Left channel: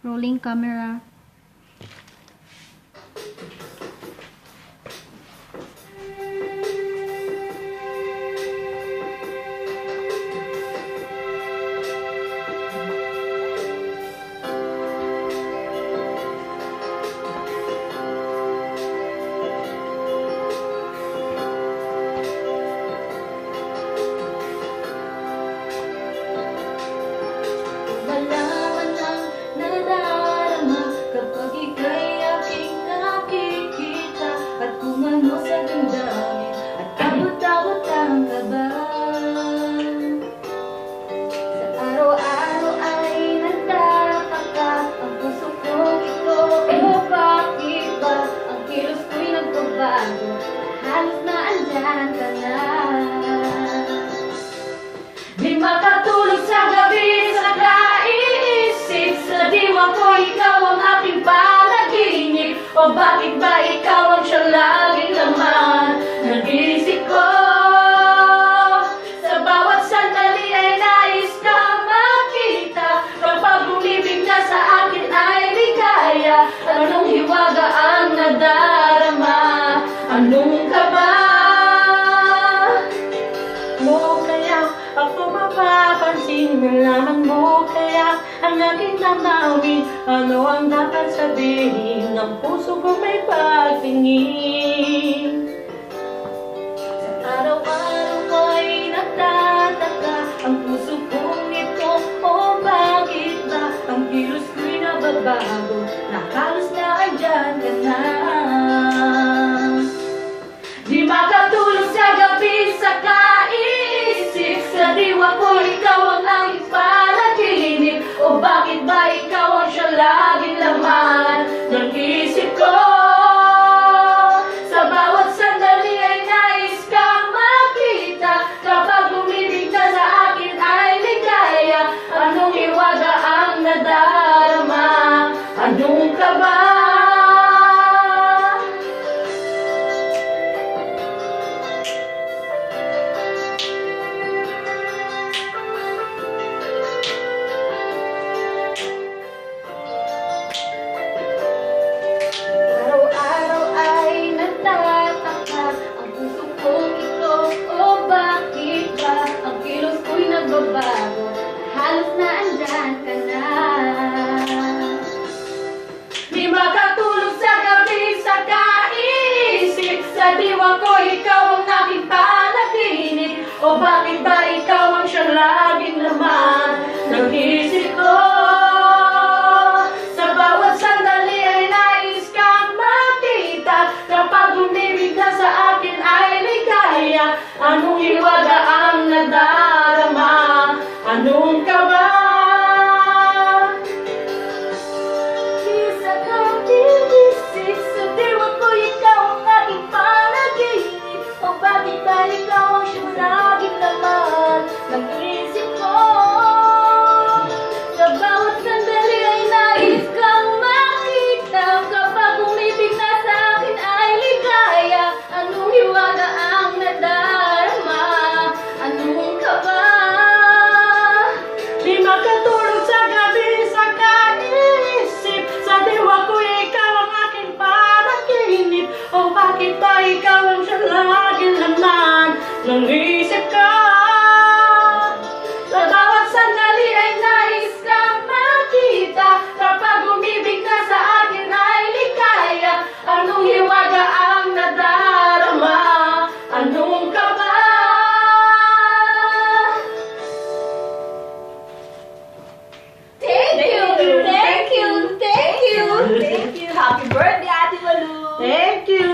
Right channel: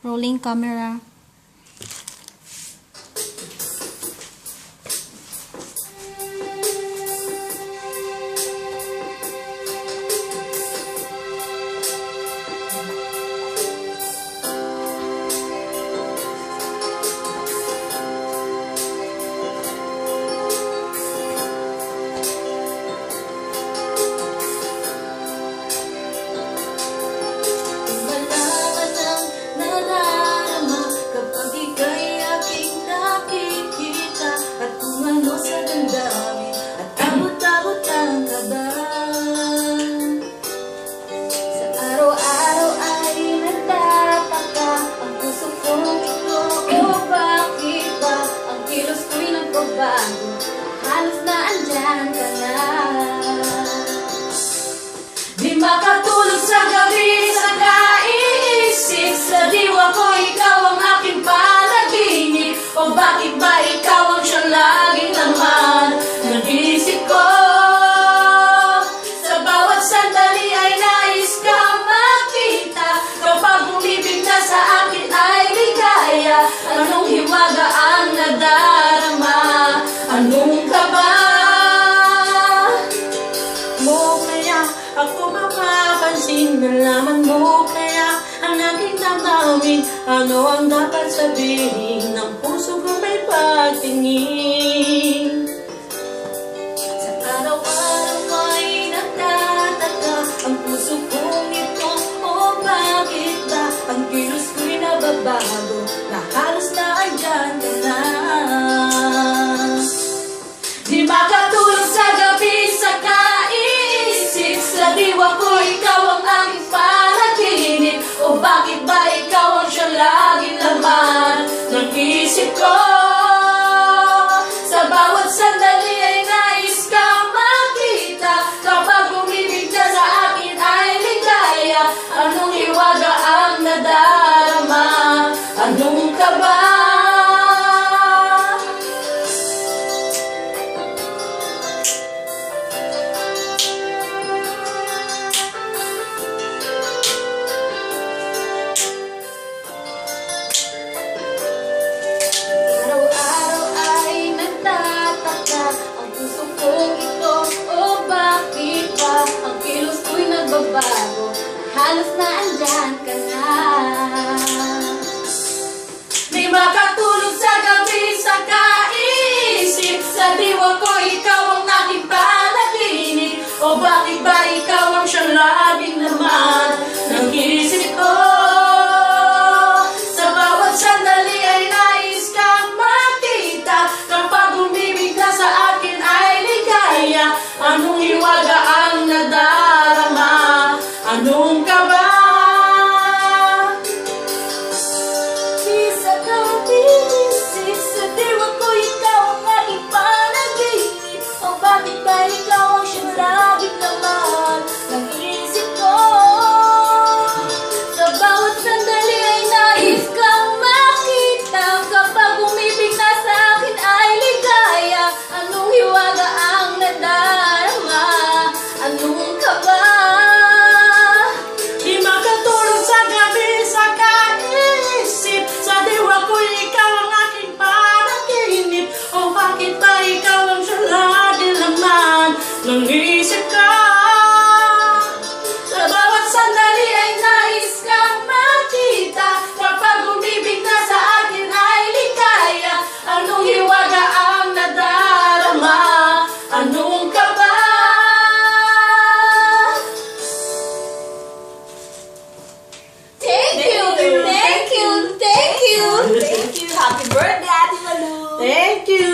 Rolling camera. Halos na andyan ka na. Di makatulog sa gabi sa kaiisip. Sa diwa ko ikaw ang aking panaginip. O bakit ba ikaw ang siyang laging laman ng isip ko? Sa bawat sandali ay nais kang makita. Kapag umibig na sa akin ay ligaya. Anong hiwaga ang nadarama? Anong kaba mo kaya ako mapapansin? Nalaman mo kaya ang aking damdamin? Ano ang dapat sabihin ng puso ko may pagtingin? Sa araw-araw ay nagtataka ang puso kong ito. O bakit ba ang kilos ko'y nababago? Na halos na andyan ka na. Di makatulog sa gabi sa kaiisip. Sa diwa ko ikaw ang aking panaginip. O bakit ba ikaw ang siyang laging laman ng isip ko? Sa bawat sandali ay nais kang makita. Kapag umibig na sa akin ay ligaya. Anong hiwaga ang nadarama? Anong kaba? Halos na andyan ka na. Di makatulog sa gabi sa kaiisip. Sa diwa ko ikaw ang aking panaginip. O bakit ba ikaw ang siyang laging laman ng isip ko? Sa bawat sandali ay nais kang makita. Kapag umibig ka sa akin ay ligaya. Anong hiwaga ang nadarama? Anong kaba? Isa kang iisip. Sa diwa ko ikaw ang aking panaginip. O bakit ba ikaw ang siyang laging laman ng isip ko? Sa bawat sandali ay nais kang makita. Kapag umibig na sa akin ay ligaya. Anong hiwaga ang nadarama? Anong kaba? Di makatulog sa gabi sa kaiisip. Sa diwa ko ikaw ang aking panaginip. O bakit ba ikaw ang siyang laging laman ng isip ko? Sa bawat sandali ay nais kang makita. Kapag umibig na sa akin ay ligaya. Anong hiwaga ang nadarama? Anong kaba? Thank you! Thank you! Thank you! Thank you! Happy birthday, Ate Malu! Thank you!